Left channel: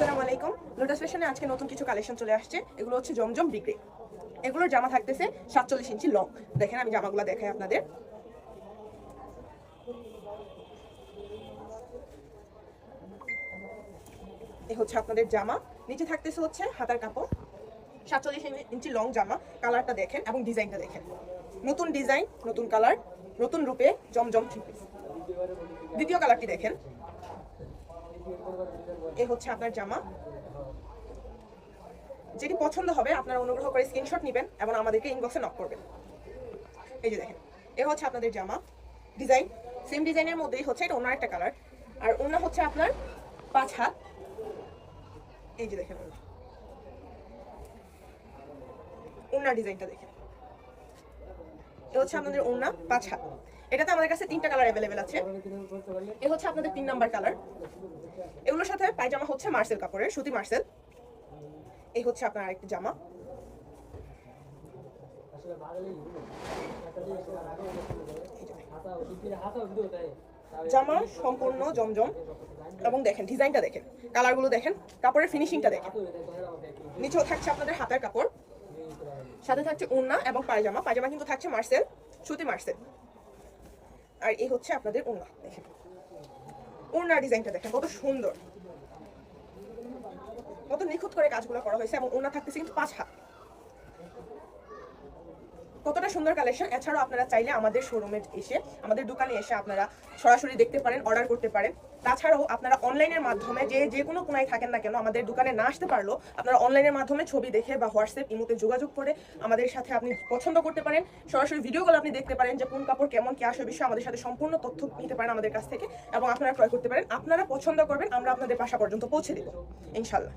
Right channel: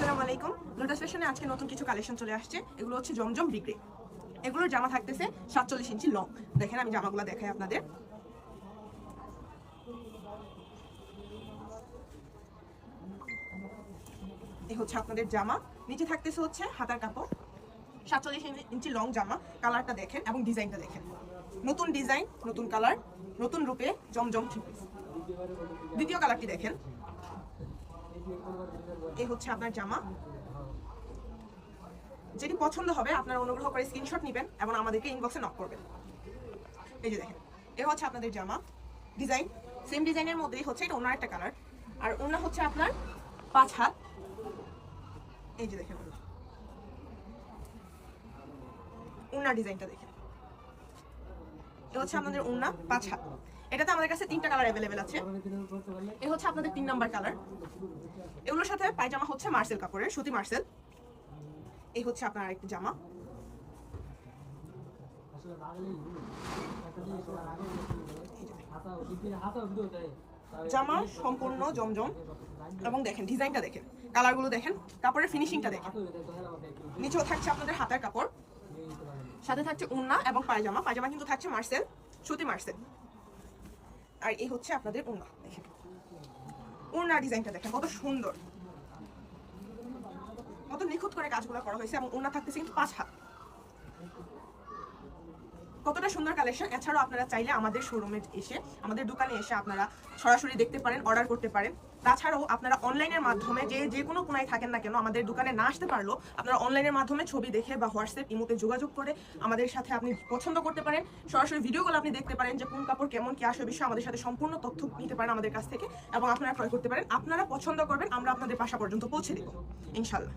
আসসালামু আলাইকুম। লোটাস ফ্যাশনে আজকে নতুন কিছু কালেকশন চলে আসছে। এগুলো হচ্ছে জমজম বিগ্রে। এগুলোর জামা থাকতেছে 47 ইঞ্চি লং। দেখেন আমি জামাগুলো দেখাই আপনাদের। এই হচ্ছে আপনাদের জামা, নিচে থাকতেছে হচ্ছে হাতার কাপড়। 47 ইঞ্চি লং জামা। কালারটা দেখেন এবং ডিজাইনটা দেখেন, নতুন ডিজাইন, নতুন কালার, নতুন রূপে জমজম থ্রি পিস। দ্বিতীয় কালারটি দেখেন, এই হচ্ছে আপনার জামা। যেটি পছন্দ হবে আপনারা অনুগ্রহ করে স্ক্রিনশট নেবেন এবং আমাদেরকে ইনবক্সে নক করবেন। এই যে দেখেন, এ হচ্ছে আপনাদের জামা। ডিজাইন সেম ডিজাইনের মধ্যেই হচ্ছে, এটা অন্য একটা কালার। আর অন্য হচ্ছে আপনার 5 হাত। এই যে দেখেন ওড়নার ডিজাইনটা দেখেন, এ হচ্ছে আপনাদের ওড়না 5 হাত। এটাতে আমাদের কাছে 3টা কালার অ্যাভেলেবেল আছে। এ হচ্ছে আপনাদের 3 নাম্বার কালার। এগুলোর সাথে পায়জামা হচ্ছে মার্সেল কাপড়ের, সুতি মার্সেল। এই হচ্ছে আপনার আরেকটি জামা। জামা সম্পূর্ণ জমজম এবং দেখেন ডিজাইনটা দেখেন, কালারগুলো দেখেন, কাপড়ের ফিনিশিংটা দেখেন। নিচেও থাকছে আপনাদের হাতার কাপড়, সাথে থাকছে ওড়না এবং পায়জামা। পায়জামা কিন্তু থাকছে মার্সেল, সুতি মার্সেল। আর এই হচ্ছে আপনাদের ওড়না, দেখেন ওড়নার ডিজাইনটা দেখেন কত সুন্দর, কত নিখুঁত করে কাজগুলো করা হয়েছে। এবং ওড়না থাকতেছে কিন্তু 5 হাত। কতটা সুন্দর কালেকশন। এছাড়াও আপনারা চাইলে আমাদের শোরুমে এসে, আমাদের দোকানে এসে আপনারা সরাসরি দেখতে পারেন, অর্ডার করতে পারেন। তাছাড়াও আপনারা অনলাইনের মাধ্যমে যে কোনো কোনায় থাকেন না কেন, আমাদের দোকানে না আসতে পারলেও আপনারা অনলাইনের মাধ্যমে ছবি দেখে বা হোয়াটসঅ্যাপ ইমোতে যোগাযোগ করে আমাদের সাথে আপনি পছন্দ করতে পারেন। সরাসরি ভিডিওগুলো আপনি দেখতে পারেন যে কোন কাপড় কেমন কি আসে বিষয়ে আমাদের সাথে সম্পূর্ণ তথ্য নিতে পারেন আমাদের কাছ থেকে এবং আপনারা ক্রয় করতে পারেন। আপনারা পছন্দ করবেন, আমরা আপনাদের বাসা পর্যন্ত পৌঁছে দেব ইনশাল্লাহ।